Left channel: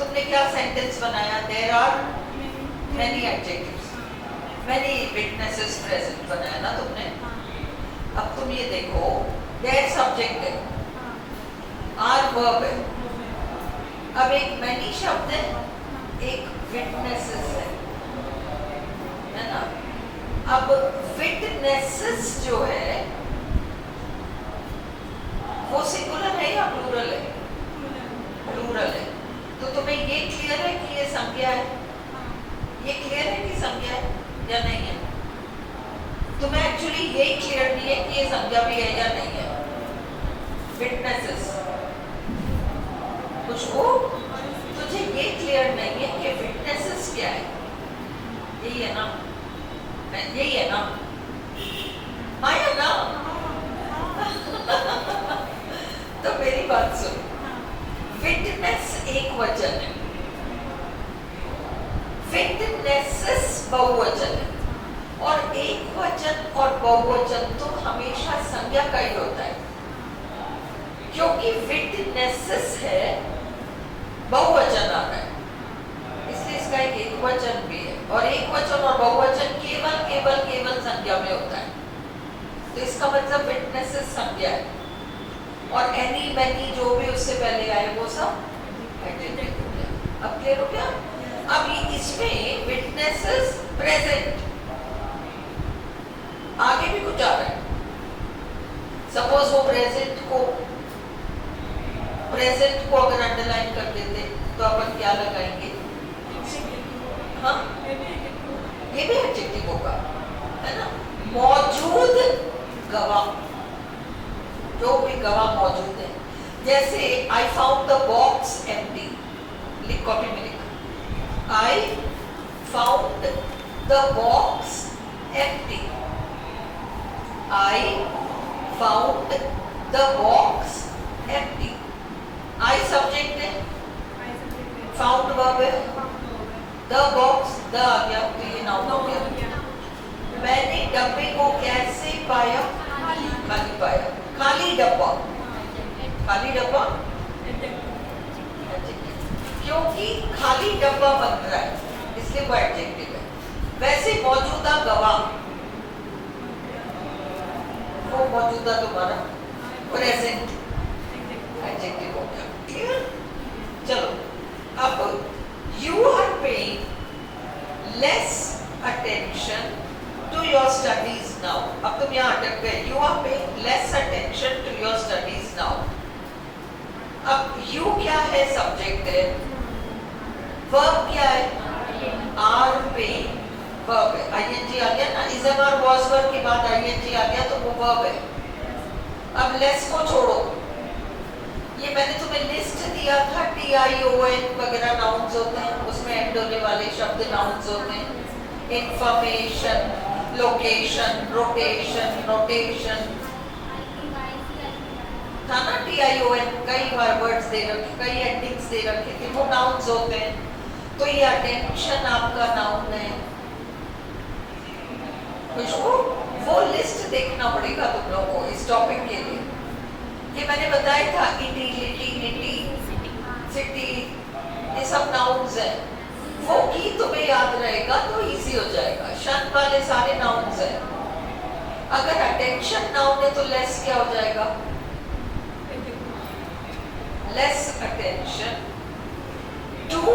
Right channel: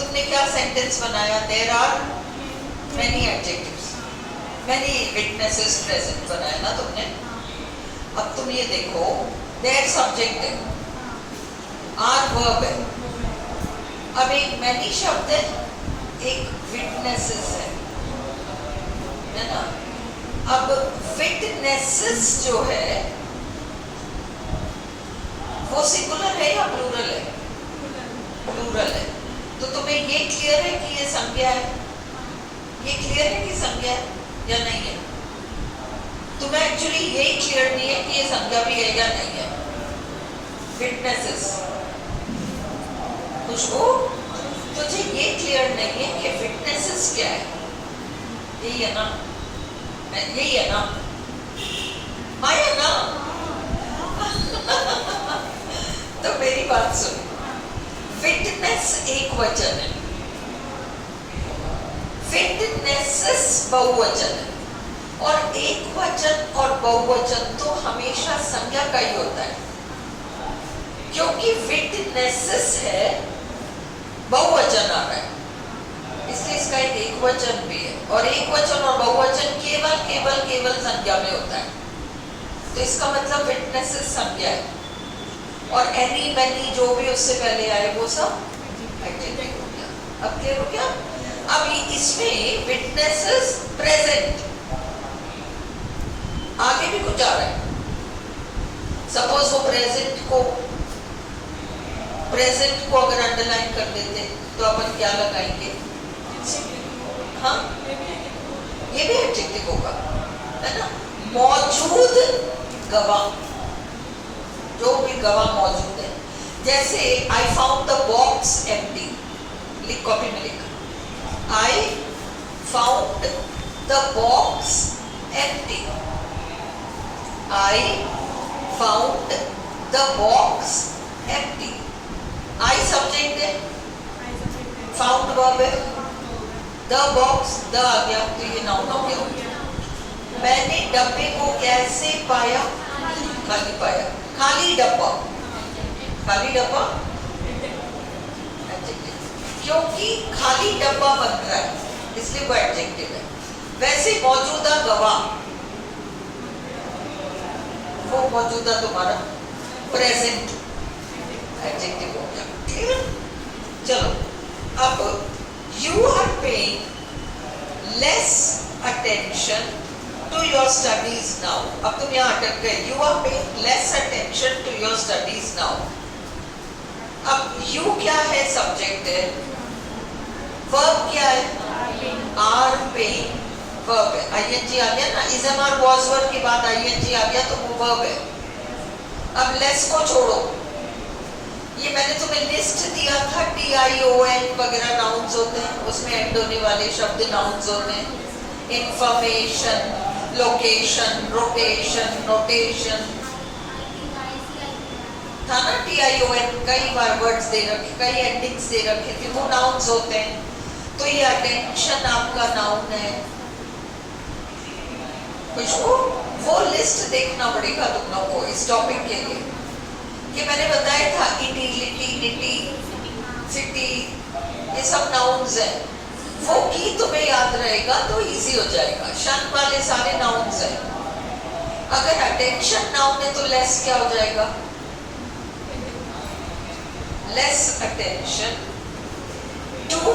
तुमने क्या सेंटेंस बनाया? There are many adjectives, many witnesses present बनाया ना तुमने। अब तुम ये देखो, देयर सब्जेक्ट है, आर वर्ब है, अब एक मैनी शब्द है, एक विटनेसेस है ना। अब विटनेसेस जो है वो सिंगुलर है या प्लूरल है? प्लूरल है। तो तुम्हें ये क्लियर है कि ये संज्ञा है? ये क्लियर है कि संज्ञा है या नहीं है? तुम्हें एक्चुअली यही क्लियर नहीं है कि ये संज्ञा भी है या नहीं है। विटनेसेस खुशबू, तुझे ये क्लियर नहीं है कि विटनेसेस क्या है? यही है ना? यही है ना? माया ना? तो मेरी बात सुन, विटनेस एक वचन है, विटनेसेस बहुवचन है, और एक वचन और बहुवचन तो हमेशा संज्ञा का ही होता है, क्योंकि विटनेसेस है, बहुवचन आ रहा है, इसलिए इसका एक वचन भी है, और एक वचन और बहुवचन केवल केवल केवल संज्ञा में होता है। तो इसका मतलब विटनेसेस संज्ञा है, और एनी मैनी जो भी उससे पहले आए वो सब एडजेक्टिव हो गया। अब क्लियर हो गया? अब इसमें विटनेसेस प्रेजेंट, आगे भी कुछ आ रहा है। सपोज वो प्रेजेंट को अगर अंडरलाइन कर देते तो अपन क्या लगाएंगे? हाँ, ये भी एडजेक्टिव होगा, है ना। मौजूद गवाह, जो भी गवाह मौजूद है, जैसे I found the box empty, लिख कॉपी में लिखा, I found the box empty, I found the box empty. I subject है, फाउंड वर्ब है, द बॉक्स द आ गया तो ये नाउन हो गया। मैंने डब्बे को कैसे पाया? खाली पाया, खाली डब्बा, खाली डब्बा, क्योंकि खाली डब्बा बन रहा है इसलिए वो एडजेक्टिव है। वैसे मौजूदा गवाह, वो मौजूदा तुम्हारा प्रेजेंट एडजेक्टिव हो गया। क्लियर? चलो, अब you are paying less attention to your studies now. अब तुम यहाँ अटक गए। You are paying less attention to your studies now. अब you क्या है? सब्जेक्ट है। verb क्या है? are paying verb है। ing आ गया ना, is am are was were के बाद ing आ गया तो वो verb है। अब less को छोड़ो, ये मैंने तुम्हें लिस्ट दिया था, TION वगैरह नाउन्स होते हैं, उसमें एंड होने वाले शब्द नाउन्स होते हैं। इंफॉर्मेशन, लोकेशन, रोटेशन, नोटेशन था ना, TION कई बार वर्ड्स दे रखे, कई एंडिंग्स दे रखे थे, वो नाउन्स होते हैं। तो ये अटेंशन आपका नाउन है। खुशबू, वो लिस्ट देखना पड़ेगा तुम लोगों को इस टॉपिक के लिए, कि मैंने बताया था इटिलिटी, निटी, सिटी, ये सब नाउन्स हैं। वो की तुम्हें याद रहेगा तो इजी हो जाएगा। शन वाले सारे नाउन्स हैं। अगर अटेंशन नाउन है तो लेस क्या हो जाएगा? Less attention to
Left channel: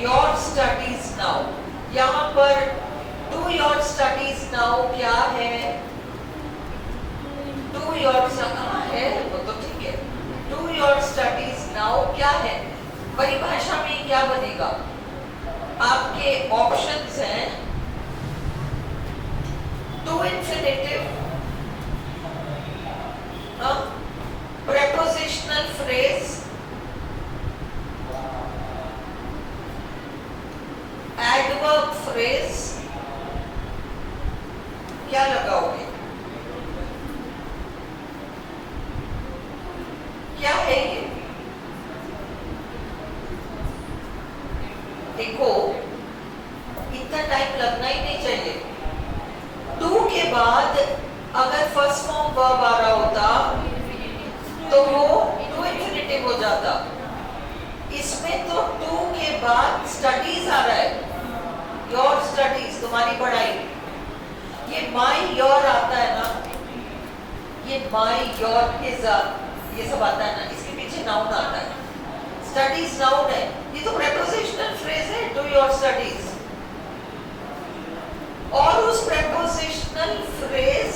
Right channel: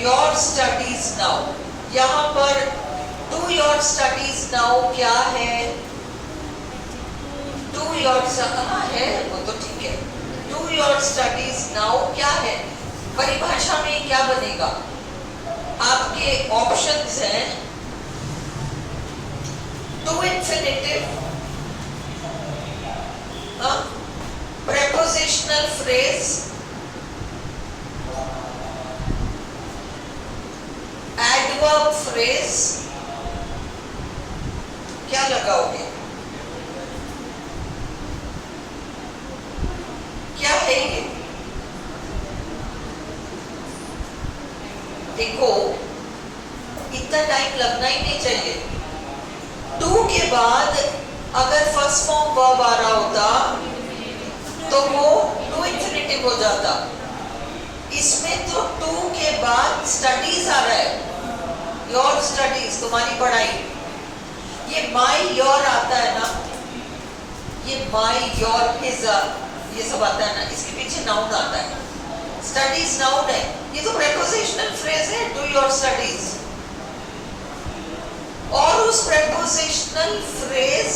your studies now. यहाँ पर टू योर स्टडीज नाउ क्या है? टू योर है वो तो ठीक है। टू योर स्टडीज नाउ क्या है? परिभाषा में क्या बनेगा? आपके ऑप्शंस हैं to infinitive, prepositional phrase, adverb phrase, क्या लगाओगे? क्या है ये? देखो, इतना टाइम लगना ही नहीं चाहिए। टू के बाद अगर फर्स्ट फॉर्म वर्ब आ रहा होता तो वो टू इंफिनिटिव हो जाता। इसमें तो टू स्टडीज आ रहा है, योर स्टडीज तुम्हारी पढ़ाई। ये माई योर आता है ना, ये माई योर हिज ये सब आता है ना, इसके पीछे नाउन आता है। स्टडीज नाउन है, ये तो प्रेपोजिशनल फ्रेज है, डू योर स्टडीज। और उस prepositional phrase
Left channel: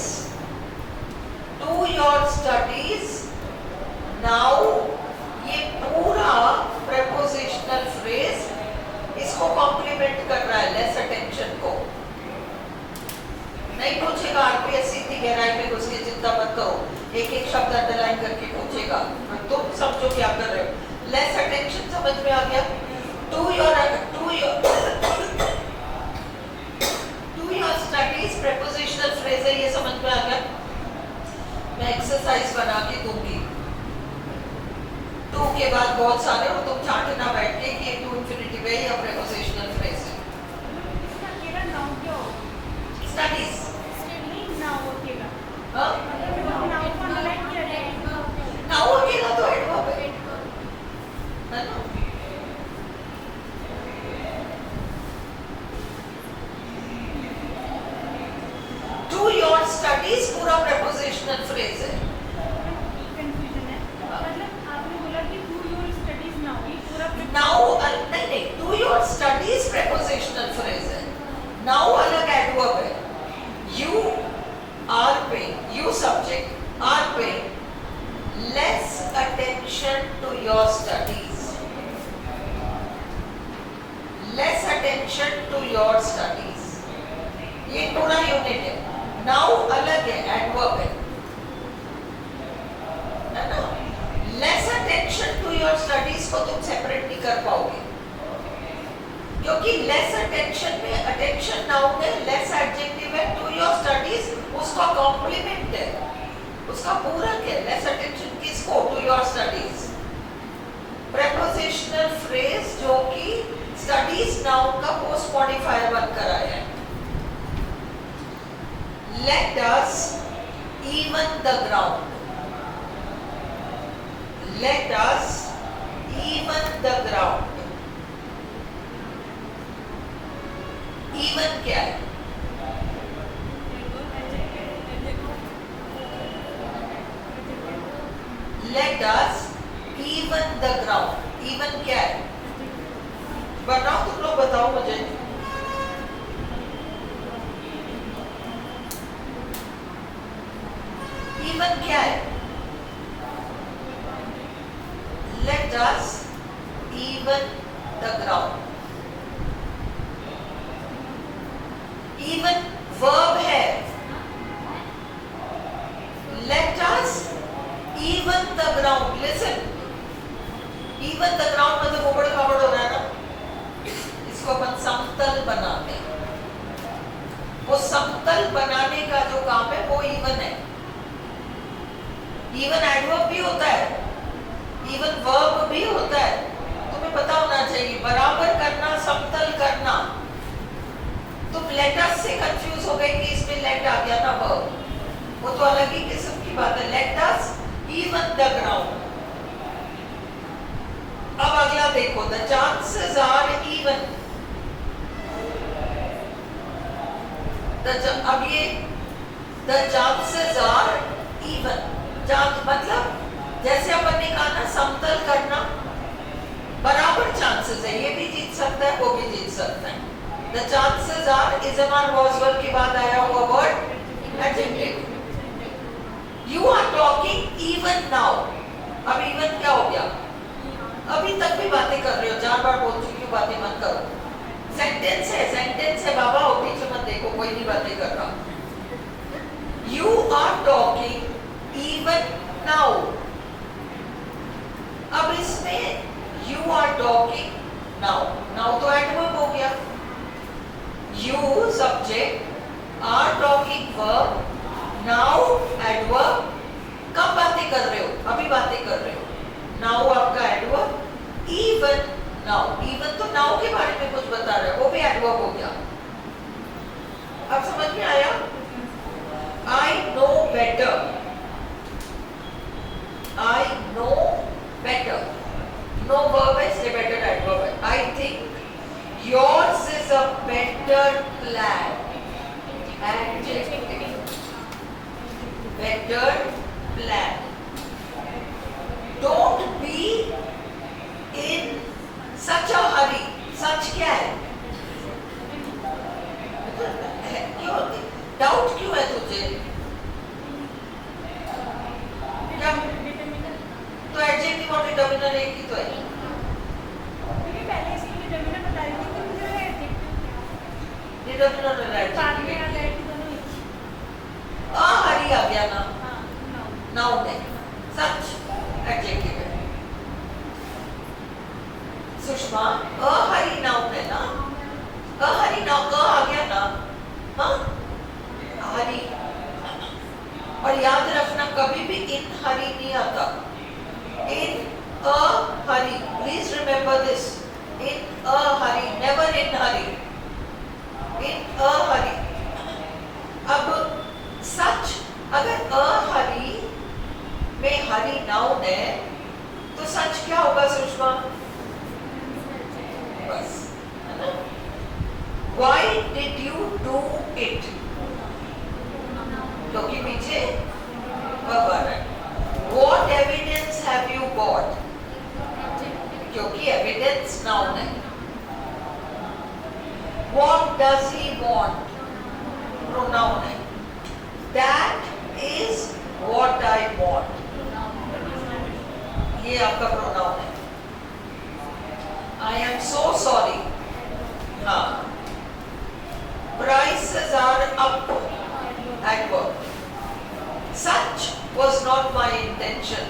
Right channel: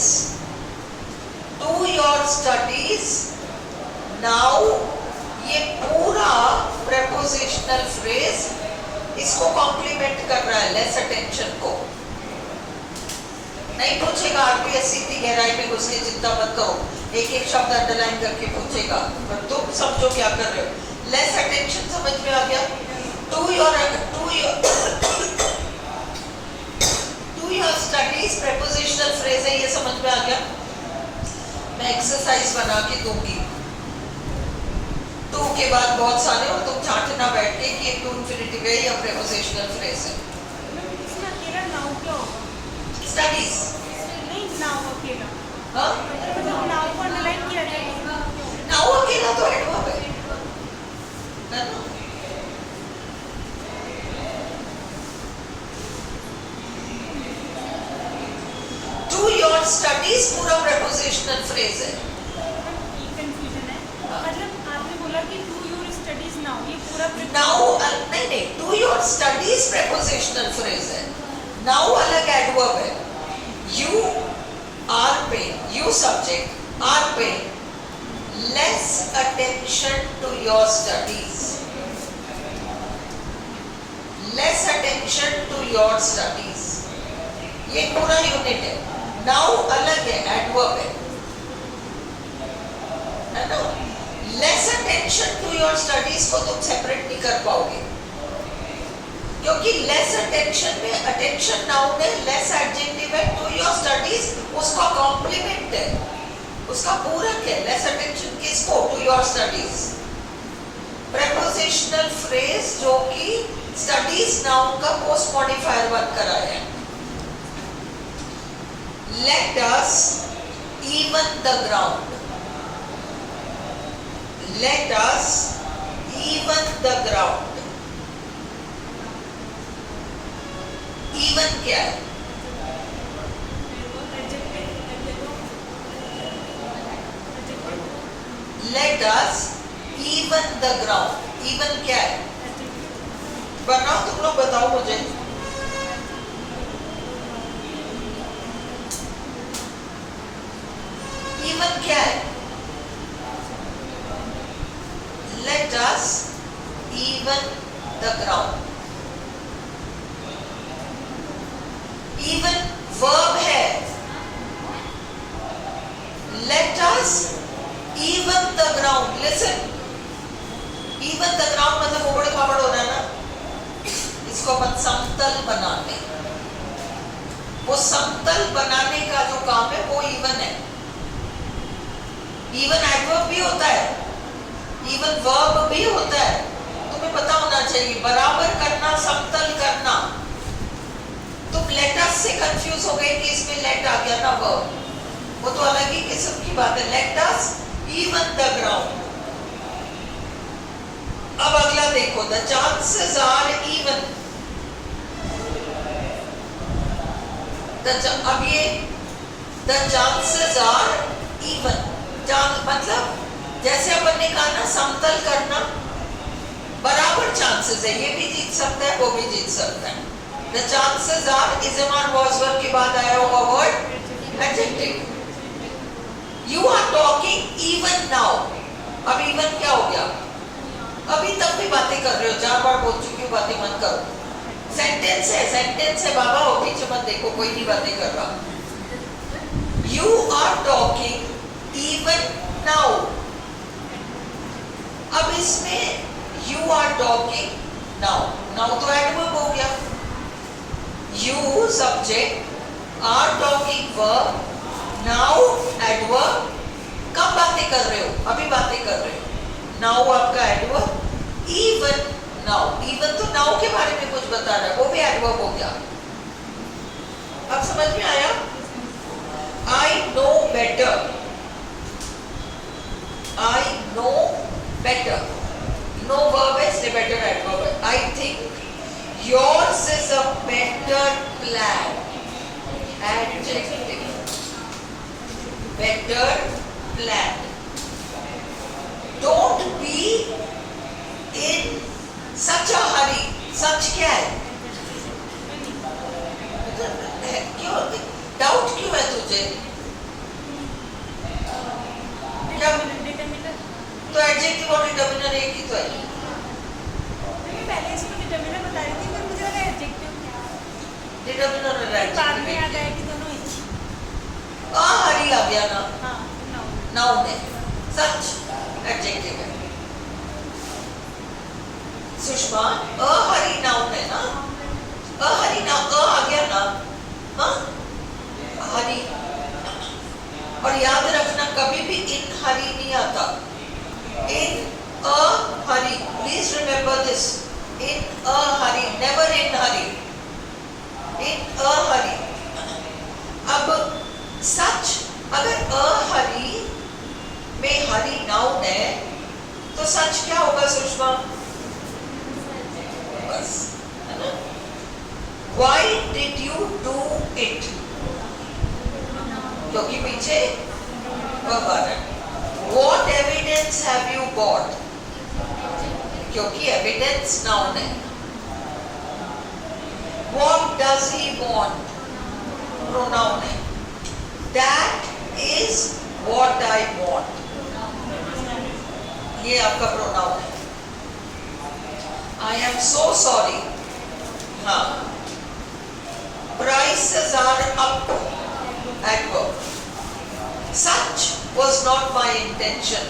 do your studies now, ये पूरा प्रेपोजिशनल फ्रेज इसको कॉम्प्लीमेंट कर रहा है, लेस अटेंशन को। नहीं पूछेगा आरपीएससी की गहराई में घुस के, चिंता मत करो, एक एक शब्द अंडरलाइन करके पूछेगा, पर तुम समझो क्या कर रहे हो। लेस अटेंशन समझ में आ गया। To your studies prepositional phrase है, ये समझ में आ गया। मैं एक्सरसाइज बना के दूंगी, टू के बाद बहुत सारे, और तुम चाटना बैठ के कि ये टू इंफिनिटिव है या प्रेपोजिशनल फ्रेज है। स्टडीज नाउ अकेला तो एडवर्ब है ना। डू योर स्टडीज पूरा प्रेपोजिशनल फ्रेज है। कंफ्यूजन है, मतलब आपने बोला कि डू योर स्टडीज नाउ, ये पूरा नाउ नहीं, to your studies prepositional phrase है, नाउ अलग एडवर्ब है। You are paying, you subject are paying less attention to your studies, less attention to your studies, ये पूरा यूनिट है। now अलग है, एडवर्ब है ना। less attention to your studies को तुम सेपरेट नहीं कर पाओगे, क्योंकि लेस अटेंशन में अटेंशन नाउन है, लेस एडजेक्टिव है, टू योर स्टडीज उसका कॉम्प्लीमेंट है, उसका पूरक है। लेस अटेंशन किसको? To your studies. Prepositional phrase जो कि स्टडीज नाउन का पोस्ट मॉडिफायर बनकर आया है। Let us even the ground, let us even the ground. Even क्या है? Let us even the ground. Even क्या है? बनाओ, तुम लोग बताओ मुझे। Even क्या है? Let us even the ground. Even verb है। Let us even the ground. Listen. Even the ground मतलब उबड़ खाबड़ हो रहा है ना, इसको अपन समतल बना लें। वो समतल बनाने का जो काम है वो इवन है। इवन एडवर्ब भी होता है, इवन वर्ब भी होता है, तुम्हें पता होना चाहिए। बराबर करना, समतल करना। तुम लेट अस से कंफ्यूज हो गए कि इसमें लेट आ गया ना वर्ब, वो तो अलग ही किस्म की बात है। Let us even the ground. अब अगला देखो, द चांसेस आर इवन। अब ये द चांसेस आर इवन, मतलब जैसे अपन ने कहा ना समतल करना, बराबर चांसेस है, ये भी जीत सकता है, वो भी जीत सकता है। The chances are is MR was verb के बाद आया होगा word adjective. You are talking even now. अब इवन क्या हो गया? अभी तक भी बातें कर रहे हो, 4 बार बोल चुकी हूँ, बातें मत करो। सेंटेंस है, सेंटेंस है बाबा, हो पीछे मत देखो, कोई भी बातें कर रहा। You are talking even now. अब इसमें you are talking now, now तो एडवर्ब हो गया। You subject, are talking verb, now adverb. कब बातें कर रहे हो? अभी बातें कर रहे हो। नाउ आपका एडवर्ब, इवन नाउ। इवन तो नाउ के बारे में कुछ बता रहा है, वो भी एडवर्ब हो गया। अब समझ में आया? I know better, I know better. Know verb है इसलिए बेटर एडवर्ब है। I think Yours is a better plan. Adjective. Better plan. Don't be in such a hurry. Such क्या है? क्यों डाउट क्यों है तुझे? तो एडजेक्टिव और डिटरमिनर एक ही तो है। पहले से डिटरमिनर बता रही थी पर मुझे लगा एडजेक्टिव डिटरमिनर और बाद में आ एडजेक्टिव गया कि दोनों एक ही। हरी आ गया ना, हाँ, नाउन है, सच एडजेक्टिव है। सुषमा हरी नाउन है ना, हरी नाउन आ गया ना, हाँ हरी। और याद रखना कभी भी इन हरी नहीं आता, in a hurry, please remember this, in a hurry, never in hurry, in a hurry. अब सच अगर अ हरी में हरी नाउन है तो सच क्या होगा सुषमा? बस है ना? Why did you do it? क्योंकि पीछे verb आ रहा है। What evidence have you got? क्योंकि evidence noun है। What does he want? Pronoun है। That is what I want. ये आपका pronoun है। I am so sorry. हाँ। Prices are up. Adverb. Such was not my intention.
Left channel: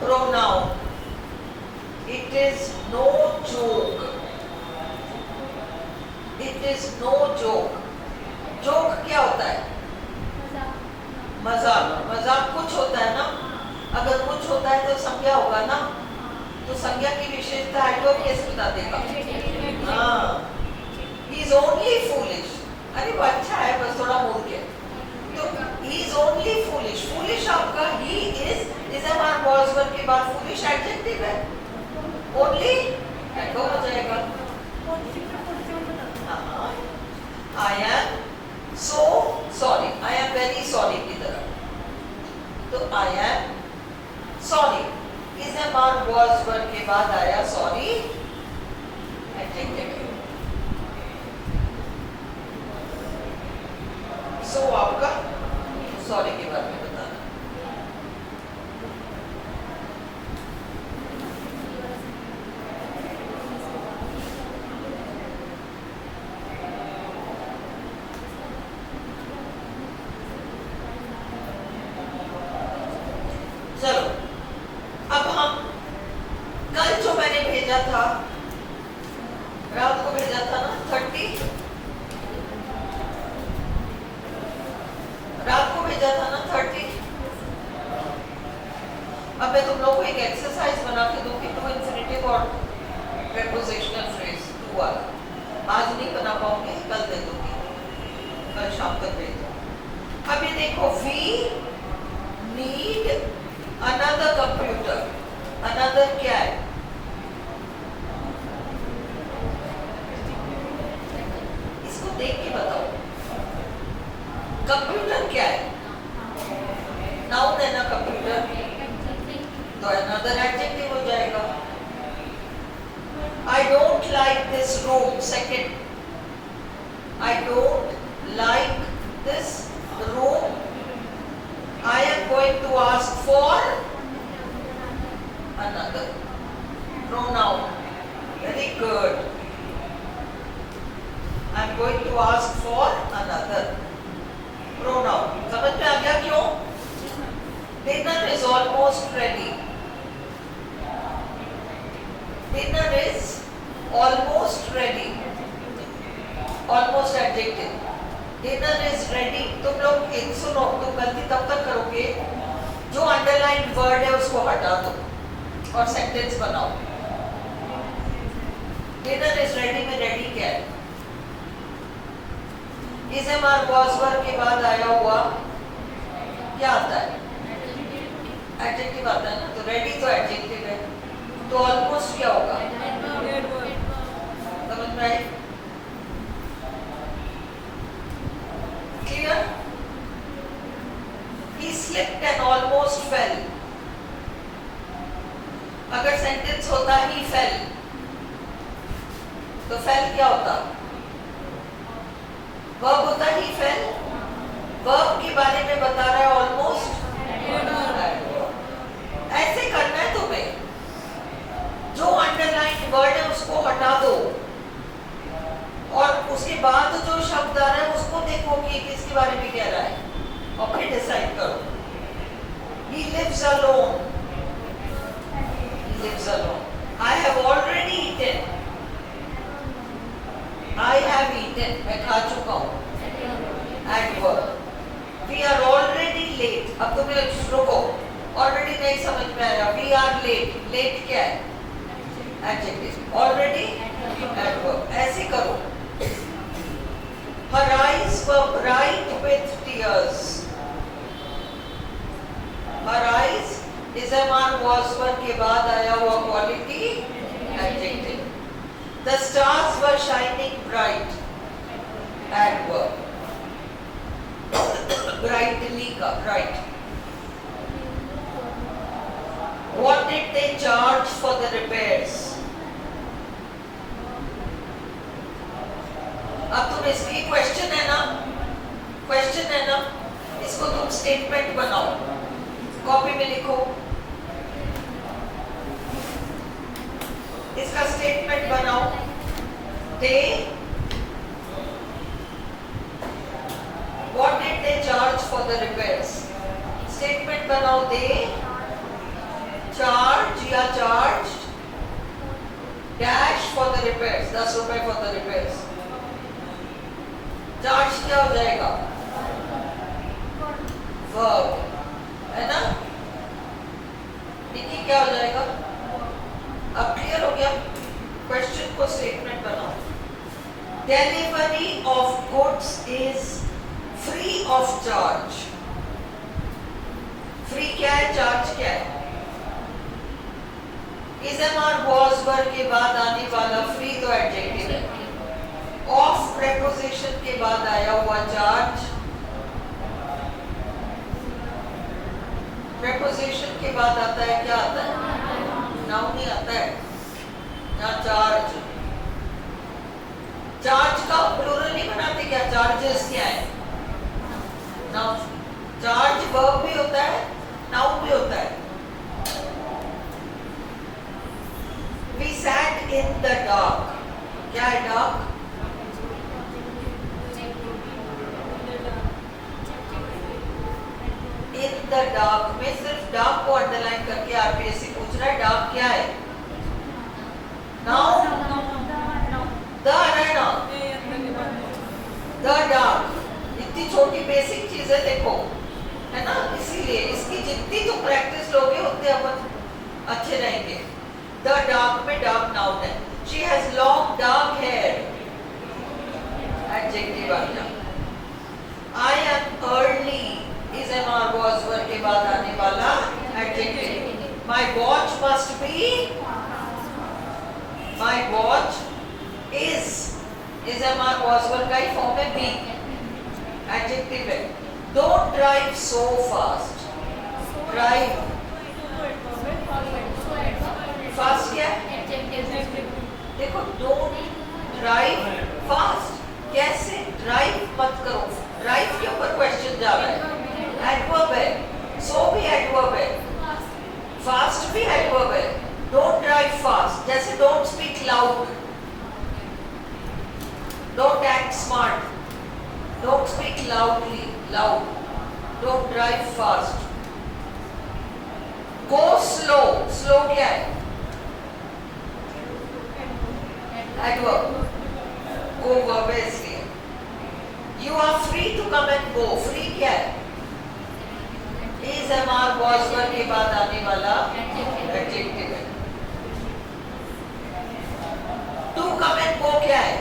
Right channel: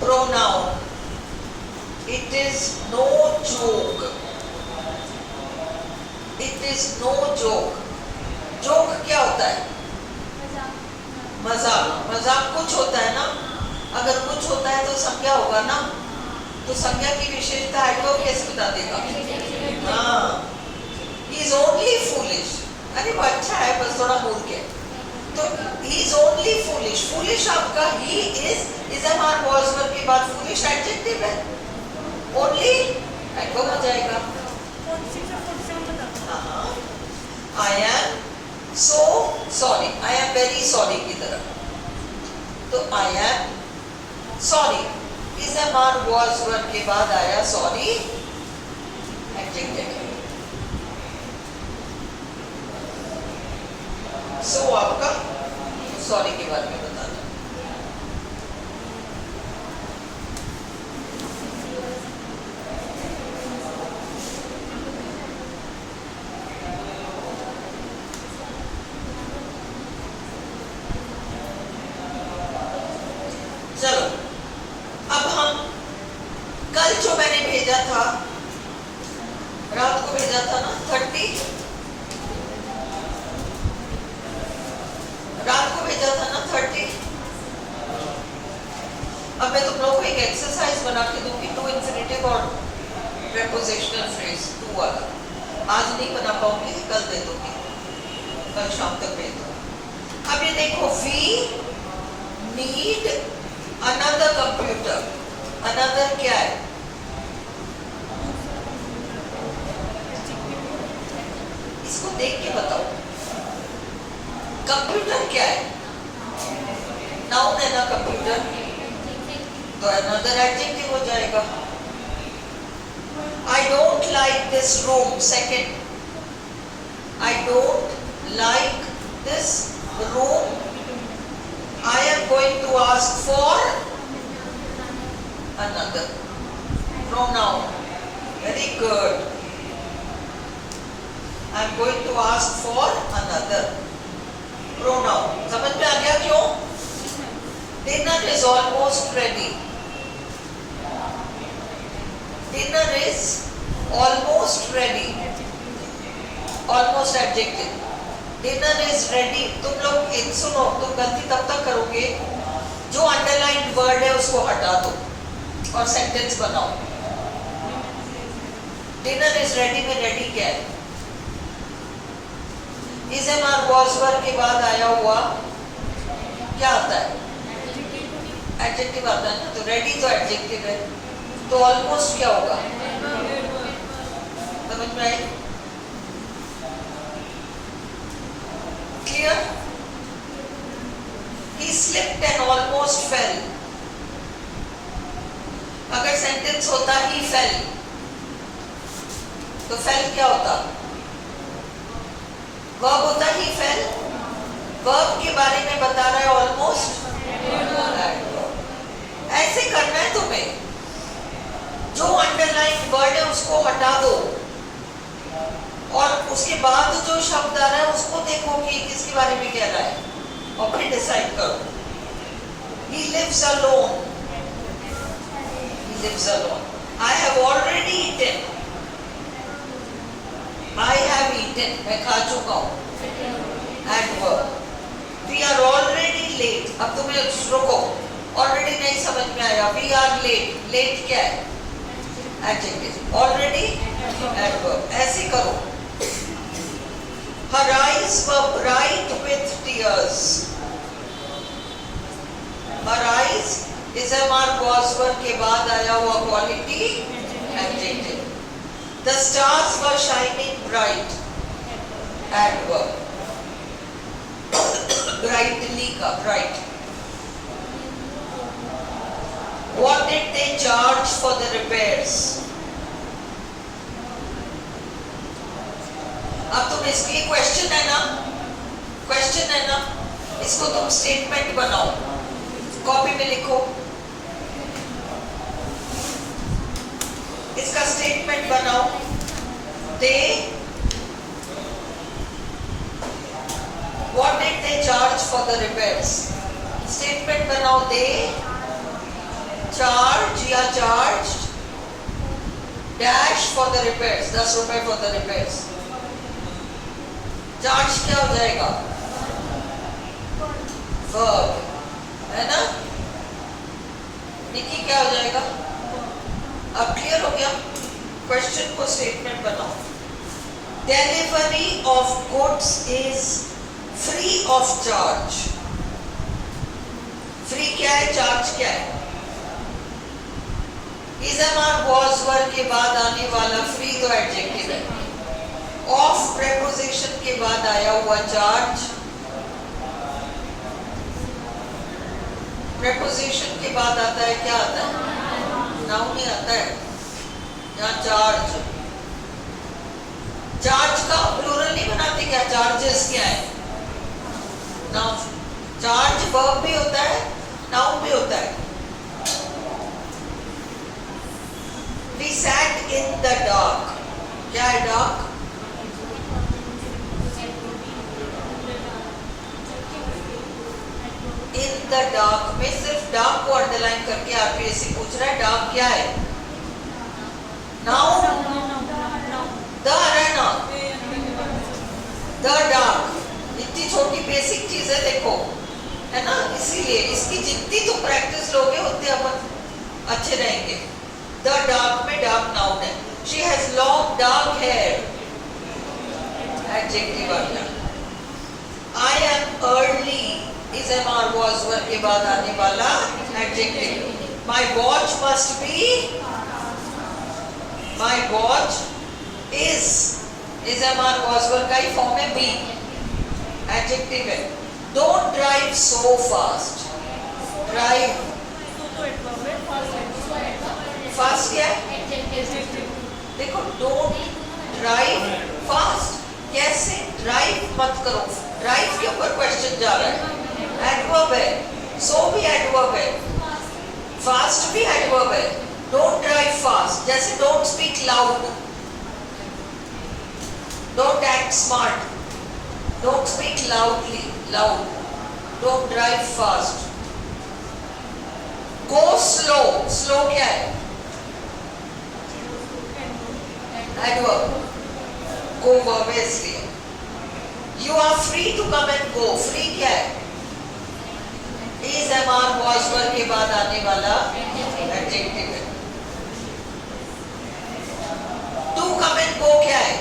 Pronoun. It is no joke. It is no joke. Joke क्या होता है? मजाक। मजाक कुछ होता है ना, अगर कुछ होता है तो संज्ञा होगा ना, तो संज्ञा की विशेषता एडवर्ब कैसे बता देगा? हाँ, he is only foolish. अरे वो अच्छा है बस थोड़ा मूर्ख है, तो he is only foolish. foolish आपका he is हमारे वॉइस वर्ब के बाद foolish एडजेक्टिव है, only एडवर्ब हो जाएगा। हाँ, I am so sorry, I am very sorry की तरह, तो I am sorry is हमारे वॉइस वर्ब के बाद आया sorry एडजेक्टिव। सो आपका सॉरी के बारे में बताना। चलो अब हम कल जो मैंने भेजा था, रात को भेजा था ना 30, रात को भेजा था ना 30। अब मैं तुम लोगों को एक एक्सरसाइज बना के दूंगी, टू इंफिनिटिव और प्रीपोजिशनल फ्रेज टू वाला। आज नहीं बना पाऊंगी, कल दे दूंगी, कल शाम तक भेज दूंगी। अब ये देखो, we need another computer. Another क्या है? इसको देख के बताओ, कंप्यूटर क्या है? नाउन है ना कंप्यूटर, तो अनदर एडजेक्टिव हो जाएगा। I don't like this room. Second, I don't like this room. I am going to ask for another pronoun. Very good. I am going to ask for another pronoun. समझ में आ गया क्यों? Dinner is almost ready. Dinner is almost ready. Almost adjective. Dinner is ready. तुम लोग इन सुनो, तुम गलती तब तक करोगे जो अंडरलाइंड वर्ड है उसको हटा दो और सेंटेंस बनाओ। Dinner is ready में ready क्या है? इस हमारे वॉइस वर्ब के बाद आया हुआ क्या आता है? एडजेक्टिव आता है ना, तो रेडी तो एडजेक्टिव है, तो ऑलमोस्ट क्या होगा? में आए? Clear? He slipped and almost fell. अगर सेंटेंस होता ही fell, तो fell क्या होता? वर्ब होता ही fell. वर्ब के बारे में बता रहा है almost. ऐसे करना है तुम्हें. जो अंडरलाइन वर्ड है उसको हटा दो और उसके बाद जो शब्द आ रहा है उसको देखो कि किसके बारे में कह रहा है और फिर डिसाइड करो. He lives alone. He lives alone. I have already eaten. I have eaten. मैं खा चुका हूँ. Adverb. We are already late. अब तुम्हें रुको. Already नहीं समझ में आया. We are late. Late क्या है? Adjective. Already adverb. ऐसे करो. Her eyes were bright with tears. Her eyes इज़मार was were के बाद आया हुआ quality adjective. The stars were shining bright. Adverb. Brightly का bright. What did they charge for the repairs? अब तुम इसकी क्वेश्चन है ना, क्वेश्चन है ना, इसको तुम स्टेटमेंट बनाओ, कॉपी में लिखो, इसका स्टेटमेंट बनाओ. They, what did they charge for the repairs? Statement बनाओ. They charge या charged dash for the repairs. 10 रुपए for the repairs. चार्ज क्या हो जाएगा? वर्ब है ना? निकी क्या हो जाएगा? अब क्लियर हो गया? क्वेश्चन को स्टेटमेंट बनाओ. Delivery of goods is free of charge. Free क्या है? चार्ज क्या है? इज़मार was were के बाद आने वाला फ्री तो एडजेक्टिव है. ऑफ प्रेपोजिशन के बाद आया हुआ चार्ज. प्रेपोजिशन के बाद आता है क्या आता है? नाउन ही आता है. यहाँ चार्ज. चार्ज का प्लूरल नहीं बनाते क्या? चार्जेस क्या है? नाउन. चार्ज वर्ब भी होता है, नाउन भी होता है. We sat in the dark. क्या है dark? In the dark में सिर्फ dark को अंडरलाइन करके आरपीएससी पूछ रहा है dark क्या है? Noun. The है ना? The dark. इतनी छोटी बेसिक चीज है देखो, है ना? इसीलिए इसकी जितनी तो प्रैक्टिस लोगे उतने अपन अच्छे रहेंगे. The dark में dark noun है. She has long dark hair. Adjective आ गया. I am early. इज़मार was were के बाद आने वाला adjective. My watch must be. My watch is. इज़मार was were का ही फॉर्म में be. Adjective है. Don't drive so fast. Drive. Fast क्या है? देखो don't drive fast. कैसे? Drive मत करो. Drive के ऊपर क्वेश्चन जा रहा है. Adverb है. So भी adverb है. Fast भी adverb है. Don't drive fast. जैसे don't speak loud. Don't act smart. Don't speak loudly. Loud. Don't drive fast. Go slow. Slow क्या है? Adverb. Go verb है इसलिए. You are free to come and go. Free क्या है? इज़मार was were के बाद आने वाला adjective है. To come and go क्या है?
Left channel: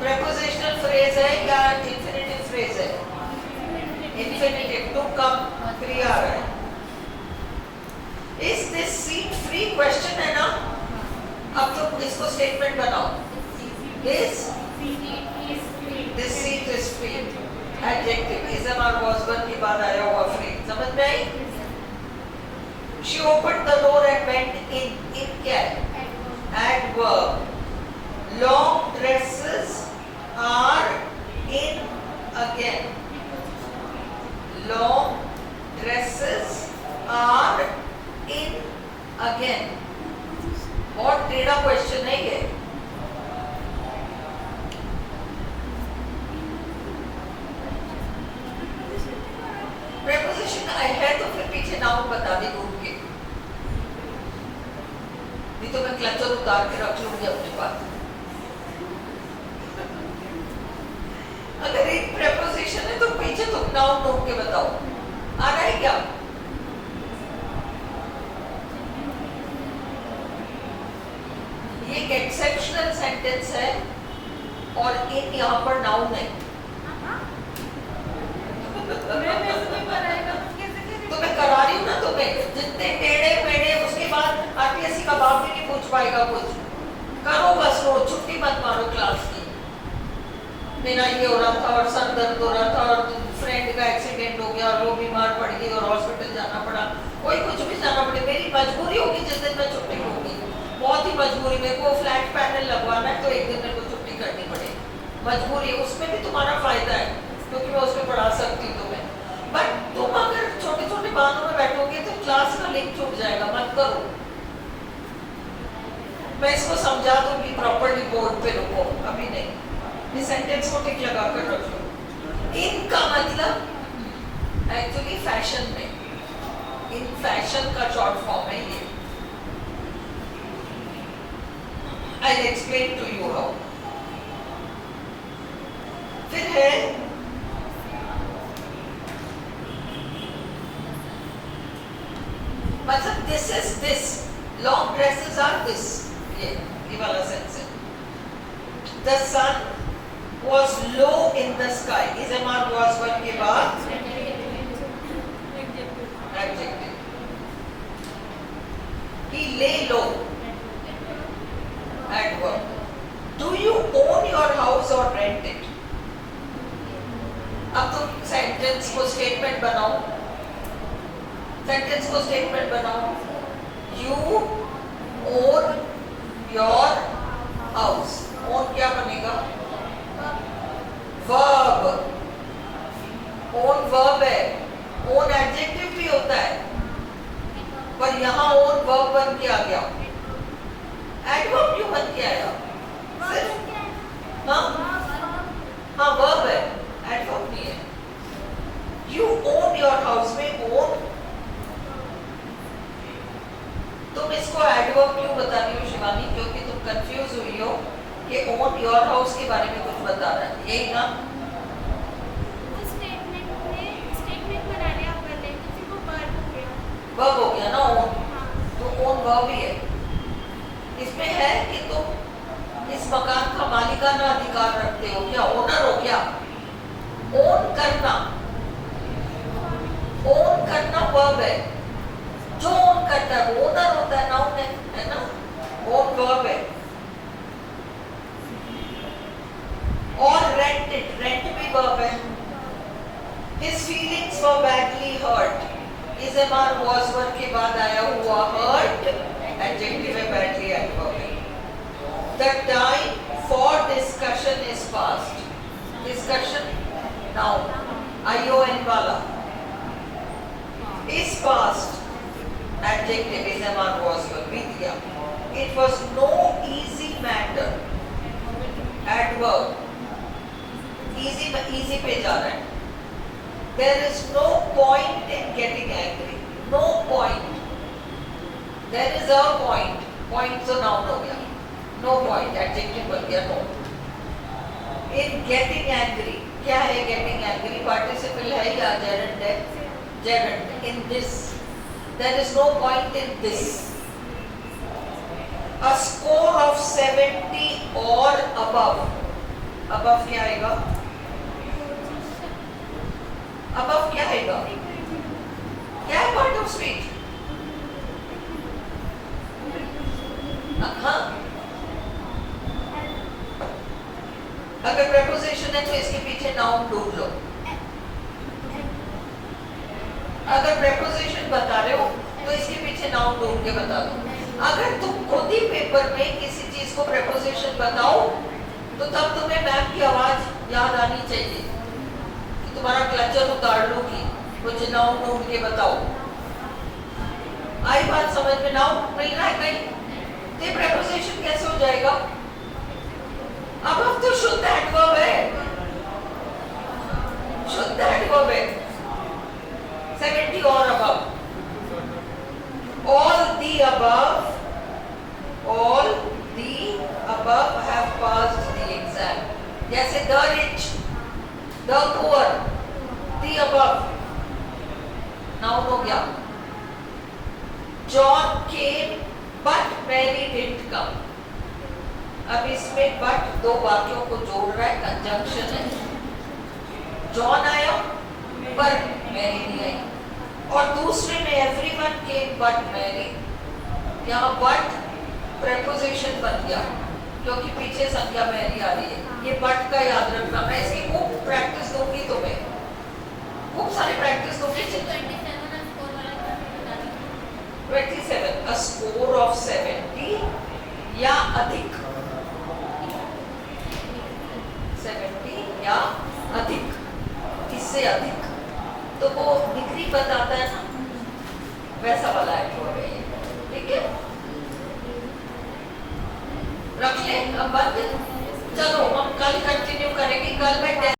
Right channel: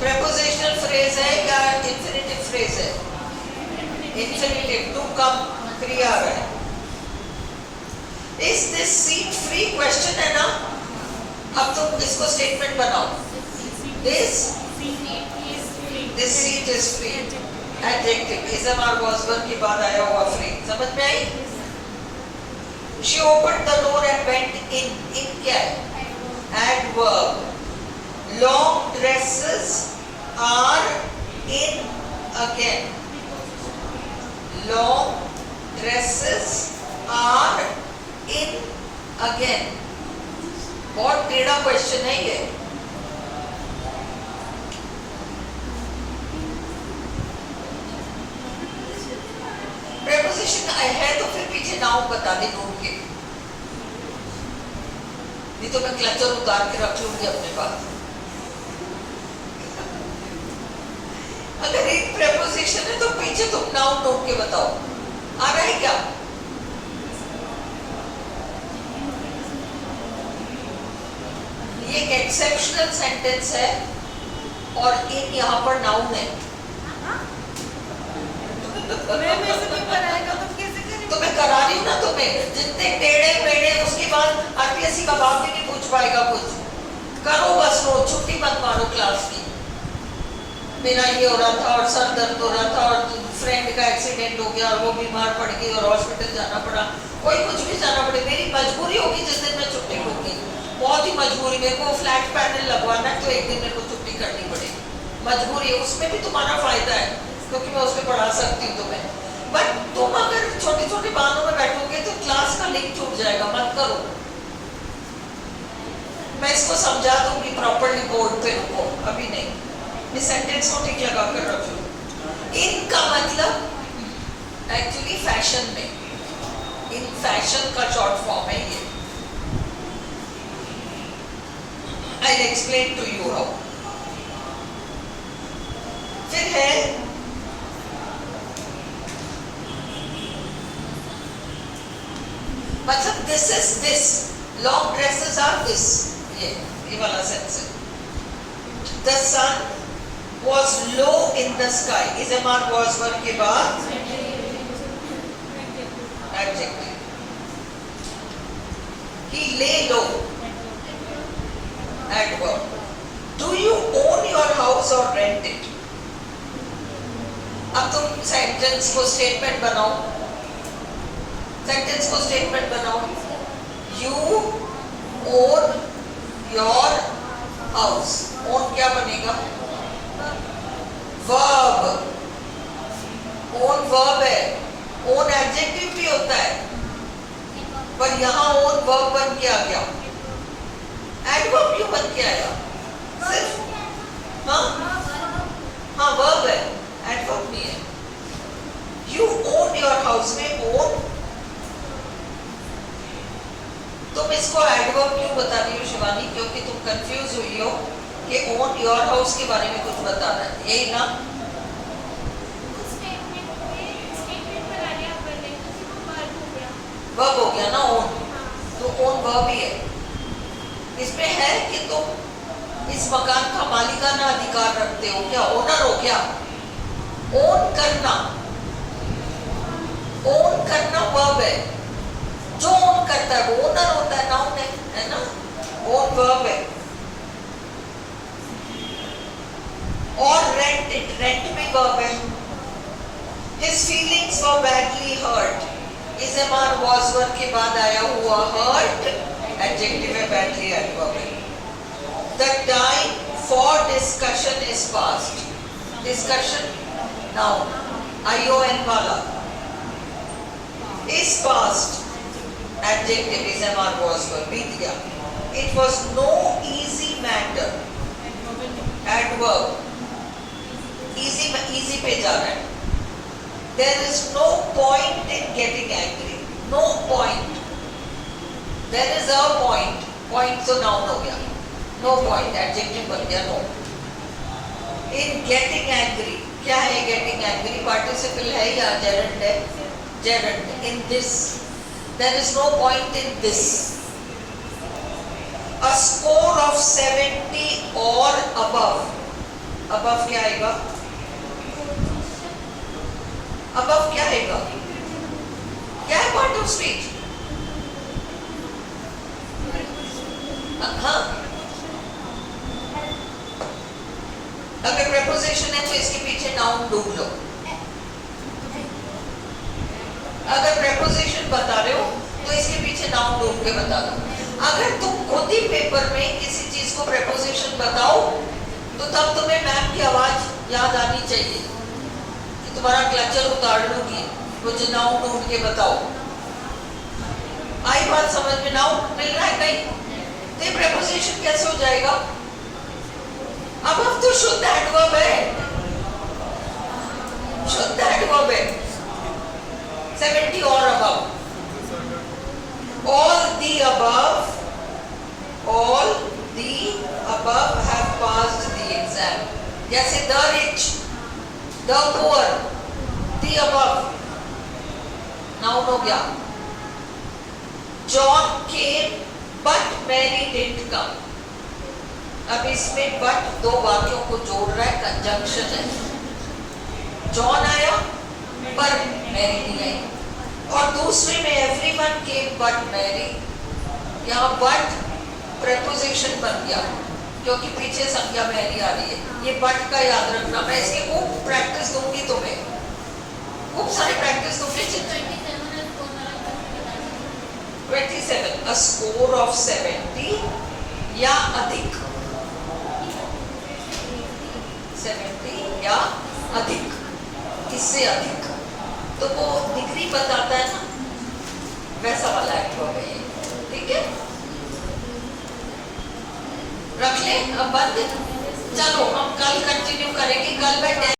Prepositional phrase है क्या? Infinitive phrase है. Infinitive. To come क्रिया है. Is this seat free? Question है ना? अब तुम इसको स्टेटमेंट बनाओ. This seat is free. Adjective. Ism or was one के बाद आया हुआ free. समझ में आई? She opened the door and went in. In क्या है? Adverb. Long dresses are in again. Long dresses are in again. बहुत टेढ़ा क्वेश्चन है ये. प्रेपोजिशन है तो फिर पीछे नाउन बता दे ढूंढ के. नहीं तो मैं क्लचर उतार के रख लूंगी अपने पास. अगर एक प्रेपोजिशन है तो पीछे तुम नाउन ढूंढ के बताओ. आ रहा है क्या? ये एक एक्सेप्शनल सेंटेंस है और इन यहाँ पर नाउन है. तो मैं करा रही हूँ ना तुम्हें. जितने टेढ़े मेढ़े उसके बाद आरपीएससी का बाप भी नहीं पूछ पाएगा कुछ. करो बस रोज छुट्टी मत मारो क्लास की. मेरा ये हो रहा था और सर दर्द हो रहा था और फ्रेंड का एक्सीडेंट हो गया और वो बीमार पड़ गई और हॉस्पिटल जाना पड़ा. कोई कुछ भी जाना पड़े. मेरी मजबूरी होगी जिस दिन मैं छुट्टी लूंगी. बहुत ही मजबूरी. मेरे को फ्लैट पैनल लगवाना है तो एक दिन मेरे को छुट्टी करनी पड़े. मजबूरी है. उसमें भी तुम्हारा फायदा है क्योंकि मैं उसमें पढ़ा सकती हूँ तुम्हें. बट तुम अगर छोटे छोटे बहानों में बैठोगे तो क्लास का लिंक छूट जाएगा. मत करो. मैं इसको समझा दूंगी प्रॉपर्ली बोर्ड पे. रुको अभी नहीं. इस सेंटेंस को टिक लगा कर रख लो. इन का मतलब एक्चुअली फैशन में. इन फैशन का शॉर्ट फॉर्म है ये. I will explain to you how. फिर है मतलब this is this. Long dresses are this. ये वाला सेंस है. The sun was low in the sky. Is MR was one के बाद adjective. He lay low. Adverb. Do you own your house or rent it? अब तुम sentence को statement बनाओ. Sentence को स्टेटमेंट बनाओ. You own your house. Own क्या बनेगा? Verb. Own verb है. Own adjective भी होता है. पर यहाँ own verb बन के आ गया. Adverb क्यों बन के आया? सिर्फ हाँ verb है. Adverb नहीं है. You own your house में own. तुम इसको adverb क्यों बता रही हो शिवानी? क्योंकि तुम कंफ्यूज हुई हो कि own your house के बारे में कुछ बता रहा है. यही ना? वर्ब हो गया ना own. तो own वर्ब ही है. इसमें है कि तुम इस मकान का मालिकाना अधिकार रखते हो. क्या ओनर हो? क्या ओन करना? ओन करना वर्ब है. जो ओन करता है वो ओनर होता है. नाउन है ना? ओन वर्ब है. और रेंट इट. रेंट भी वर्ब है. His feelings were badly hurt. Is MR was one के बाद आया हुआ hurt. Adjective है. badly adverb है. The time for discussion is past. Discussion noun. ION वाला is past. Adjective is MR was one. बीत गया. It was no easy matter. Adverb. Easy पे जा रहा है. There is no point in getting angry. No point. There is a point. Point तो noun हो गया. No point. Adjective बन गया no. In getting angry. क्या है getting angry? Participle है या gerund है? Gerund. In this. There is no point in this. A score of 70 or above. Above क्या आएगा? Above क्या आएगा? क्या है part of speech? हाँ preposition है तो इसके पीछे noun ढूंढ लो। अगर preposition बता रहे हो तो इसके पीछे noun ढूंढ के बता दो। अगर तुम खुद ही पेपर में किसी चीज को preposition बताओ तो तब तुम्हें मैम की आवाज याद आनी चाहिए कि तुम्हारा क्लचर उतार लूंगी, मुझे नाउन ढूंढ के बताओ। आई बात समझ में? नाउन मिल रहा है कहीं? तो preposition कैसे हो जाएगा? अब हम तो शुद्ध एडवर्ब है, शुद्ध एडवर्ब है। 70 और above, all the above have passed the exam। जैसे the rich, the poor, the above noun हो गया। John came but Mary didn't come। अब इसमें but दो वाक्यों को जोड़ रहा है, कंजंक्शन है। जॉन आया पर मैरी नहीं आई, और दूसरे में everyone came but Mary, यहाँ but preposition बन गया क्योंकि पीछे संज्ञा मैरी आ रही है। ये but का याद रखना, मैं इसकी खूब प्रैक्टिस दूंगी तुम्हें, खूब सारी प्रैक्टिस दूंगी। 27, a score of 70 या अधिक, 70 या अधिक, इससे अधिक, तो वो डिग्री बताता है ना, वैसा वाला एडवर्ब है ये। ठीक है, रख ले अब बंद। चलो हम कल कंटिन्यू करेंगे। कल मैं